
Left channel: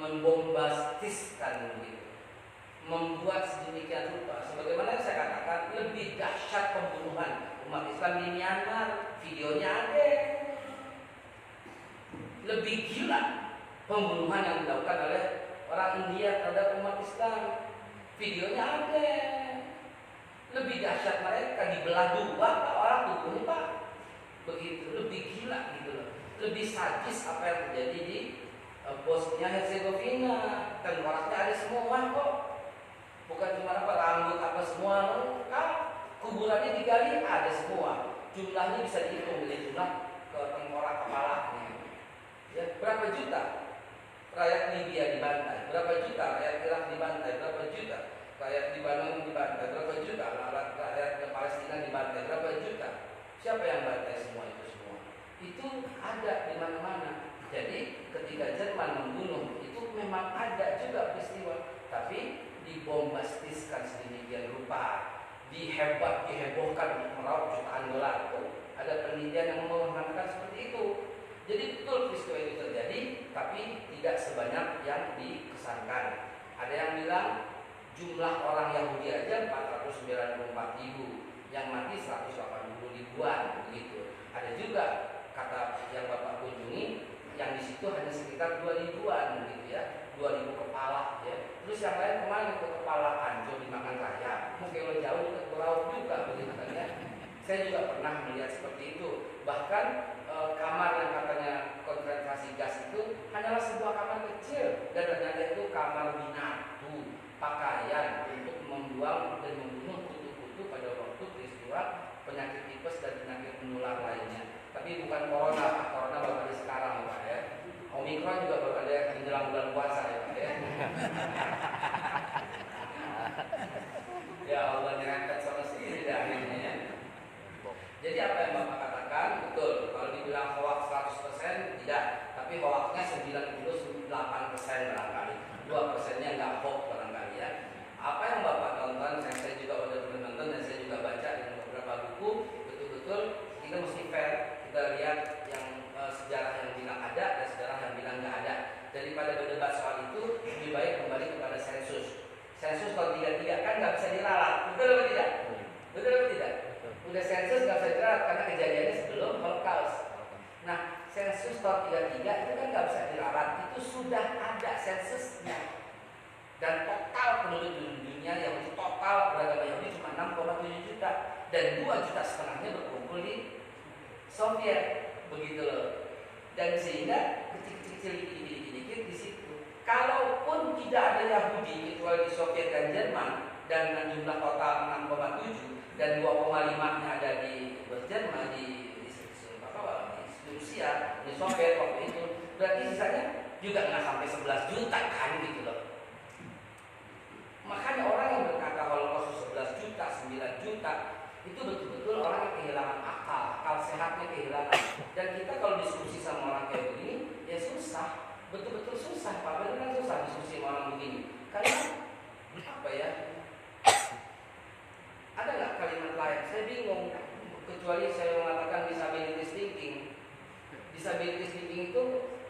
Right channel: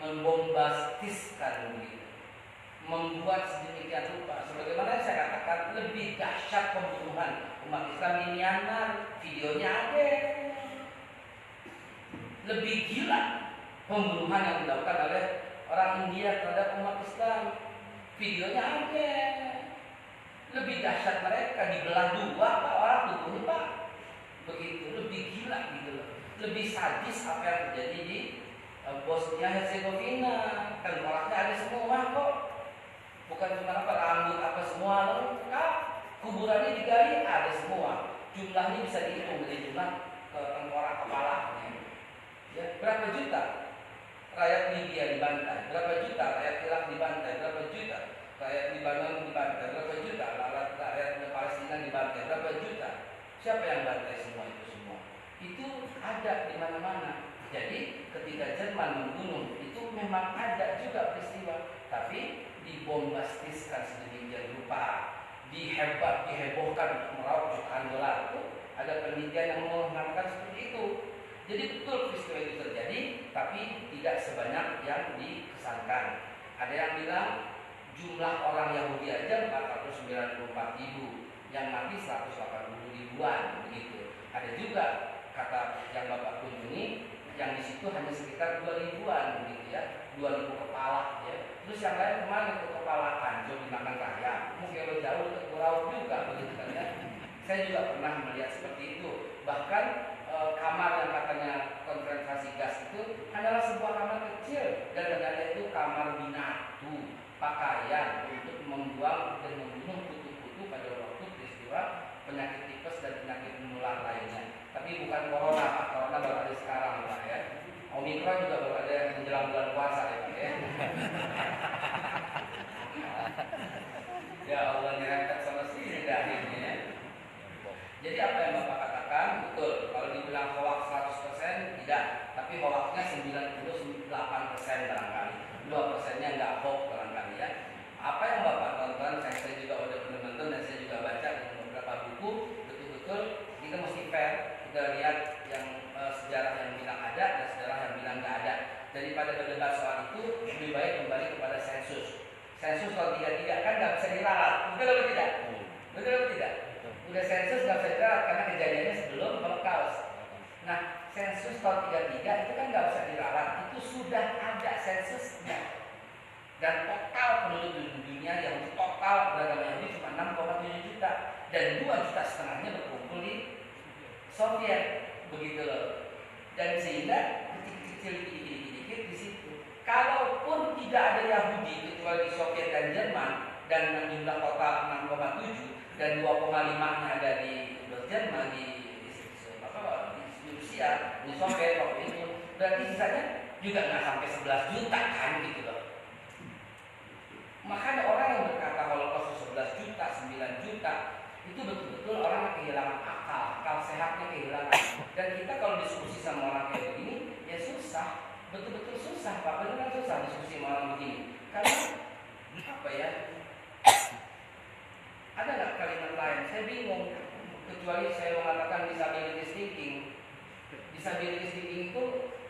membombastiskan begitu, membuat sedemikian rupa. Sebagaimana saya katakan, lebih dahsyat pembunuhan umat Islam di Myanmar, videonya ada. Lebih gila pembunuhan yang dilakukan oleh orang India terhadap umat Islam, videonya ada. Lebih dahsyat mereka dibelah dua orang tubuhnya, Pak. Begitu, lebih gila gitu loh. Lebih sadis apa yang terjadi di Bosnia Herzegovina. Kan orangnya ada semua kok. Bukan cuma apa rambut apa semua, lengkap. Kuburannya digali ada semua. Jumlahnya bisa dihitung dari jumlah ke tengkorak kepalanya. Ya, berapa juta rakyat Libya dibantai, berapa juta rakyat Irak dibantai, berapa juta rakyat Libanon dibantai, berapa juta rakyat Palestina dibantai, berapa juta. Siapa yang bantai semua itu semua? Itu ada di mana-mana. Jadi ketika Jerman membunuh itu memang ada juga peristiwa, tapi dibombastiskan sedemikian rupa, dihebohkan untuk meraup jutaan dolar. Itu ada penelitian yang mengatakan seperti itu. Jadi betul peristiwa itu terjadi, tapi tidak sebanyak yang dikesankan. Ada yang bilang jumlah orang Yahudi aja 494.000, yang mati 180 ribuan begitu. Ada juga kata yang Bapak kunjungi, yang di situ hanya sekitar 2 ribuan begitu ya, 2.000 kepala ya. Terus yang lain kemana ke kepala Kanjo dimakan raya, mungkin jauh ke laut juga begitu kan ya. Saya juga pernah melihat seperti itu. Bahkan kamar yang katanya konsentrasi gas itu hanyalah sebuah kamar kecil dan dengannya itu kamar binatu, pakaian untuk membuang dan membunuh kutu-kutu pada waktu peristiwa penyakit tipes dan penyakit menular lainnya. Tapi bukan corona baru kali sekarang Pak ya. Omikron juga baru ada yang menjelang bulan puasa ya Pak ya. Ya Allah nyerempet sama sini akhirnya ya. Jadi apa yang Bapak katakan betul. Kalau dibilang hoax 100% tidak, tapi hoaxnya 98% barangkali. 2%-nya enggak hoax barangkali ya. Apa yang Bapak tonton, yang saya juga udah pernah nonton dan saya juga baca di beberapa buku, betul-betul kita mesti fair. Kita lihat yang sejarah yang bilang ada dan sejarah yang bilang nggak ada. Daripada berdebat soal itu, lebih baik kembali kepada sensus. Sensus kalau tidak kan nggak bisa diralat. Betul atau tidak? Betul atau tidak? Udah sensus nggak bisa diralat karena kejadiannya sebelum Holocaust. Nah, sensus tahun 33 itu kan nggak bisa diralat. Itu sudah ada sensusnya. Dan total penduduk dunia yang total beragama Yahudi cuma 6,7 juta dan 2,5 juta berkumpul di Soviet begitu loh. Dan sehingga kecil-kecil dikit-dikit di situ. Kalaupun tidak ada Yahudi kecuali di Soviet dan Jerman dan dengan jumlah total 6,7 dan 2,5-nya ada di Jerman di Rusia Rusia, Uni Soviet waktu itu, berarti sisanya juga nggak sampai 11 juta kan gitu loh. Makanya orang yang berkata Holocaust itu 11 juta, 9 juta, itu betul-betul orang yang kehilangan akal sehatnya kehilangan. Dan kita kalau diskusi sama orang kayak begini, ya susah, betul-betul susah, Pak, beneran susah diskusi sama orang begini. Karena apa ya? Ada nggak kalimat lain? Saya bingung. Kecuali saya mengatakan disability thinking. Disability thinking itu,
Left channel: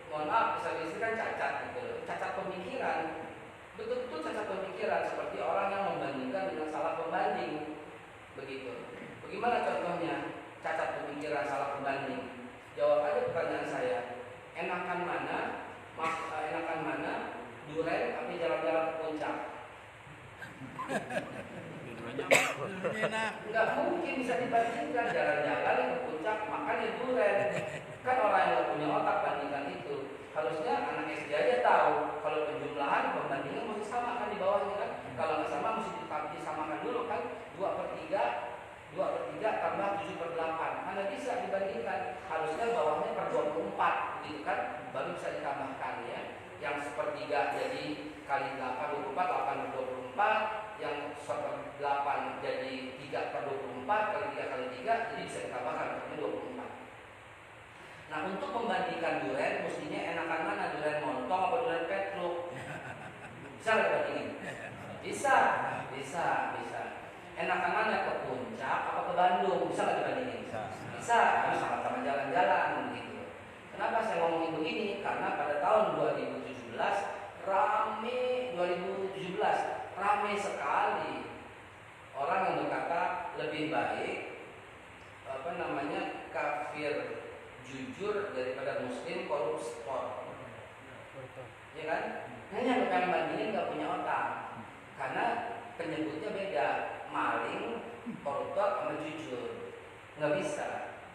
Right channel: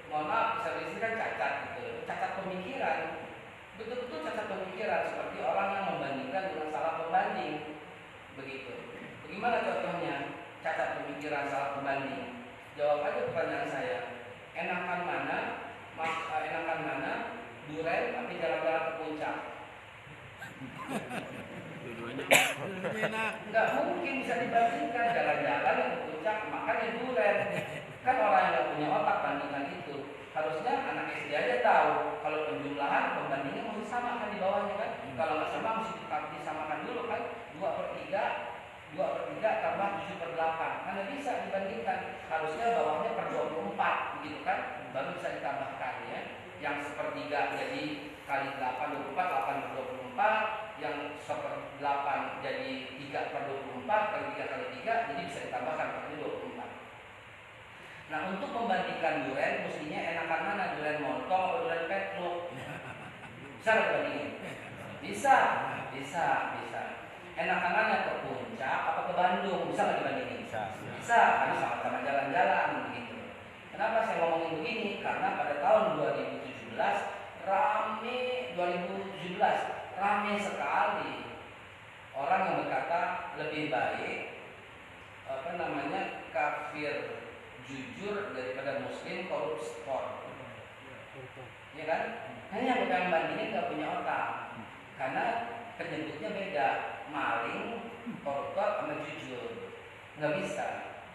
mohon maaf, disability kan cacat gitu, cacat pemikiran. Betul-betul cacat pemikiran, seperti orang yang membandingkan dengan salah pembanding. Begitu. Bagaimana contohnya cacat pemikiran salah pembanding? Jawab aja pertanyaan saya. Enakan mana duren tapi jalan-jalan ke puncak? Nggak mungkin bisa dibandingkan jalan-jalan ke puncak makanya duren. Kan orang yang nggak punya otak bandingkan itu. Harusnya anak SD aja tahu kalau penjumlahan pembandingnya mesti samakan di bawahnya kan. Kalau nggak sama mesti disamakan dulu kan. 2/3 tambah 7/8. Mana bisa dibandingkan? Harusnya bawahnya per 24 gitu kan. Baru bisa ditambahkan ya. Yang sepertiga jadi kali 8 24, 8/24. Yang 1/8 jadi 3/24 kali 3 kali 3, jadi bisa ditambahkan berarti 24. Nah, untuk membandingkan duren mestinya enakan mana, duren montong atau duren petruk? Bisa nggak dibandingin? Bisa. Enakan mana, ke puncak atau ke Bandung? Bisa nggak dibandingin? Bisa, karena sama-sama jalan-jalan begitu. Kenapa saya ngomongin begini? Karena pada tahun 2017 rame sekali orang yang berkata lebih baik kafir jujur daripada muslim koruptor. Ya kan? Hanya bukan bandingin nggak punya otak, karena penyebutnya beda, maling, koruptor sama jujur. Nggak bisa.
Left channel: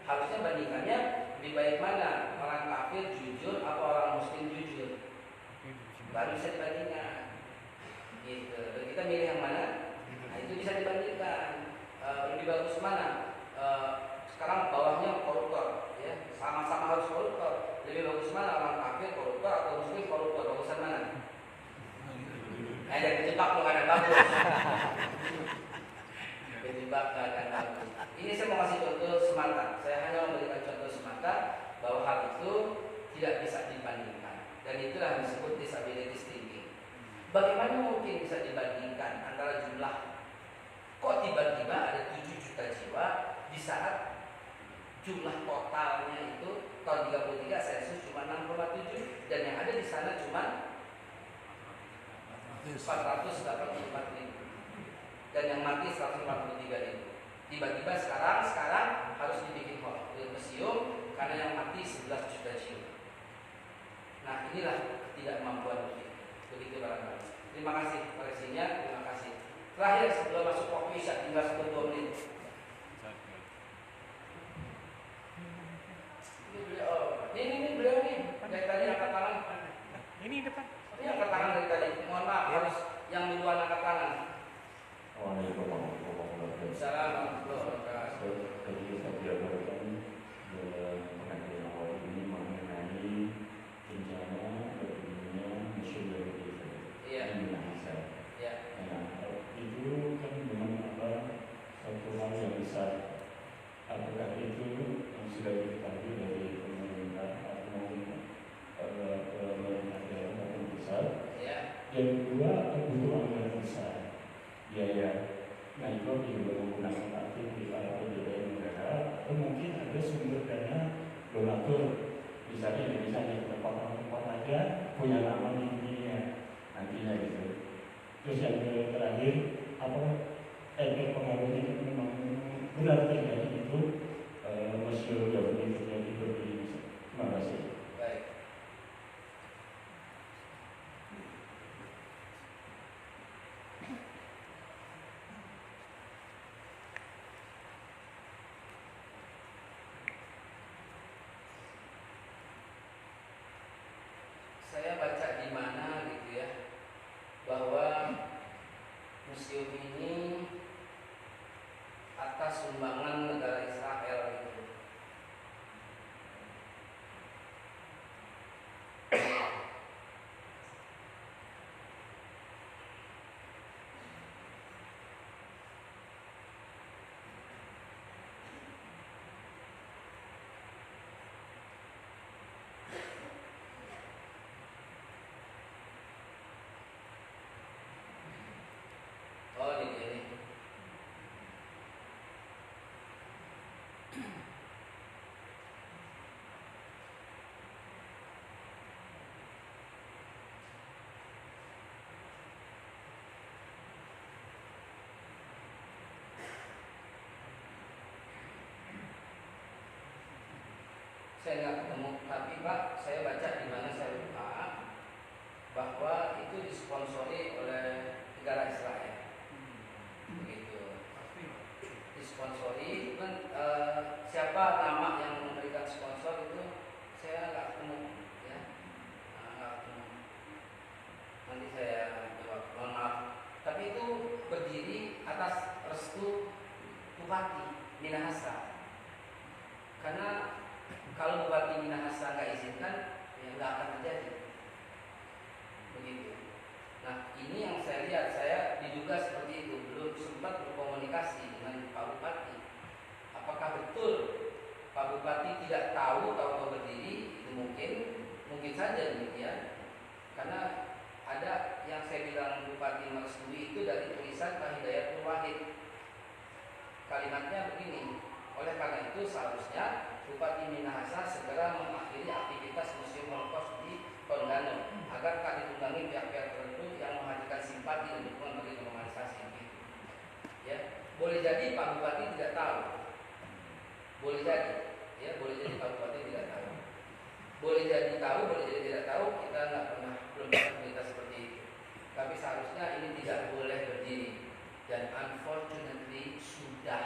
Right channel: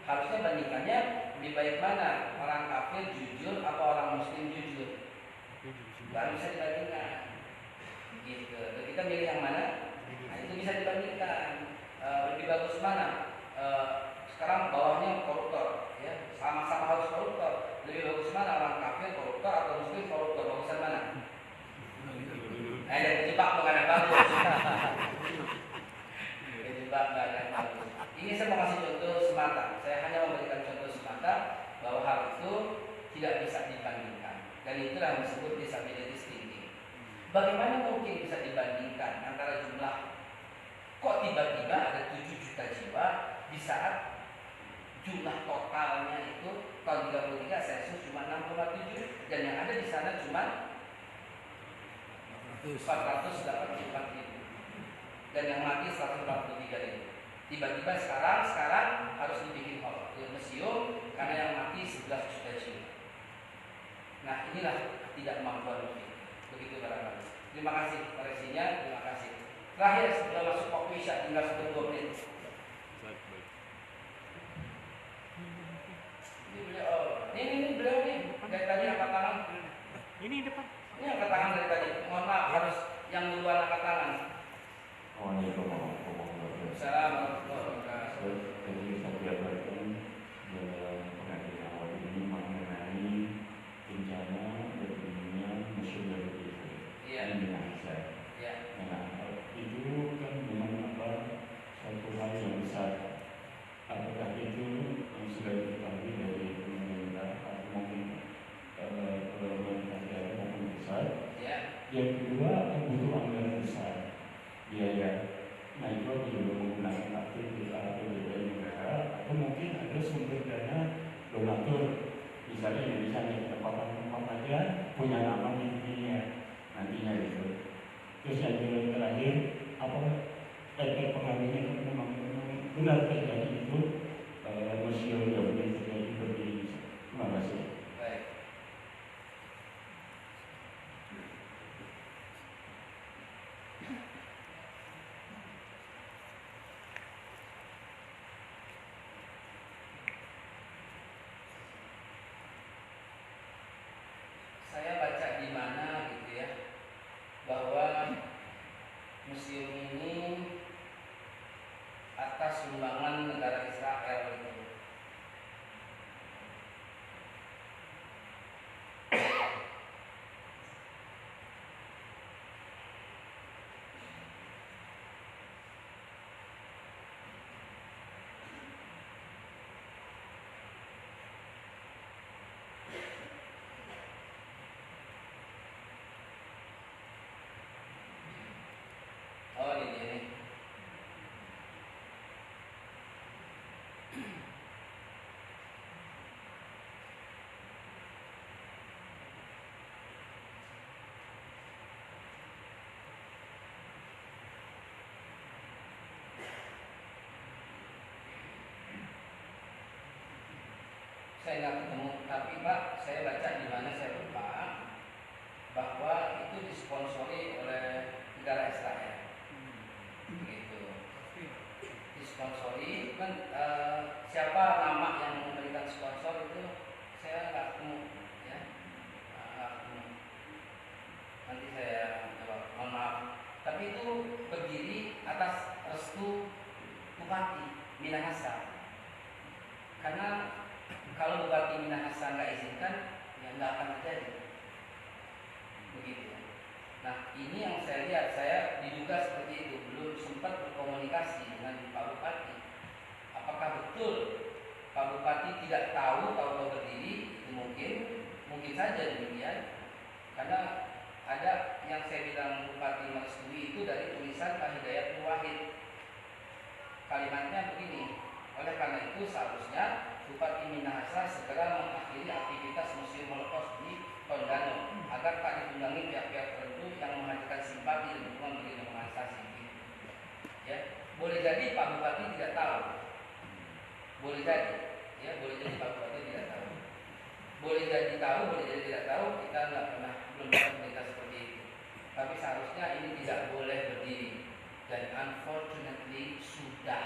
Harusnya bandingannya lebih baik mana, orang kafir jujur atau orang muslim jujur. Nggak bisa dibandingkan. Gitu. Kita milih yang mana? Nah, itu bisa dibandingkan. Lebih bagus mana? Sekarang bawahnya koruptor, ya, sama-sama harus koruptor. Lebih bagus mana, orang kafir koruptor atau muslim koruptor? Bagusan mana? Jangan dijebak tuh, kan yang bagus. Dijebak kan yang bagus. Ini saya mau kasih contoh semata. Saya hanya memberikan contoh semata bahwa hal itu tidak bisa dibandingkan. Dan itulah yang disebut disability thinking. Bagaimana mungkin bisa dibandingkan antara jumlah, kok tiba-tiba ada 7 juta jiwa di saat jumlah totalnya itu tahun 33 sensus cuma 6,7 dan yang ada di sana cuma 484 ribu dan yang mati 143 ribu. Tiba-tiba sekarang harus dibikin museum karena yang mati 11 juta jiwa. Nah, inilah ketidakmampuan kita. Begitu barangkali. Terima kasih koreksinya, terima kasih. Terakhir sebelum masuk kopi Isya, tinggal 10 menit. Ini beliau nih dari tadi angkat tangan. Ini depan. Ini angkat tangan dari tadi. Mohon maaf, harus yang duluan angkat tangan. Assalamualaikum warahmatullahi wabarakatuh. Assalamualaikum warahmatullahi wabarakatuh. Jadi saya jabarkan dalam pengajian awal ini mengenai bencana berdirinya museum Indonesia di Minahasa. Nah, itu kan memang satu hal yang besar. Apakah itu sudah diketahui dari pemerintah atau mungkin pemerintah daerah maupun pusat? Yang kedua, kebutuhan yang besar. Biaya. Nah, itu juga menggunakan aktivitas atau biaya negara atau mungkin ada sumber dana donatur. Misalnya Indonesia di tempat aja punya nama di dunia nantinya gitu. Terus yang terakhir, apa efek pengaruhnya itu memang benar terjadi itu museum yang terjadi berdiri. Terima kasih. Baik. Saya baca di mana gitu ya, bahwa museum ini atas sumbangan negara Israel gitu. saya nggak ketemu, tapi Pak, saya baca di mana saya lupa bahwa itu disponsori oleh negara Israel. Begitu. Disponsori kan siapa nama yang memberikan sponsor itu saya nggak ketemu, ya. Nggak ketemu. Nanti saya jawab, mohon maaf. Tapi itu berdiri atas restu Bupati Minahasa. Karena kalau Bupati Minahasa nggak izinkan, ya nggak akan terjadi. Begitu. Nah, ini yang saya lihat, saya diduga seperti itu, belum sempat berkomunikasi dengan Pak Bupati. Apakah betul Pak Bupati tidak tahu kalau berdiri? Itu mungkin saja demikian. Karena ada yang saya bilang Bupati merestui itu dari tulisan Pak Hidayat Nur Wahid. Kalimatnya begini, oleh karena itu seharusnya Bupati Minahasa segera mengakhiri aktivitas Museum Holocaust di Tondano agar tak ditunggangi pihak-pihak tertentu yang menghadirkan simpati dan dukungan bagi normalisasi. Ya, boleh jadi Pak Bupati tidak tahu. Boleh jadi, ya, boleh jadi Pak Bupati tidak tahu. Boleh jadi tahu, boleh jadi tidak tahu. Kita belum dapat berita seperti itu. Tapi seharusnya ini tidak boleh berdiri. Dan unfortunately sudah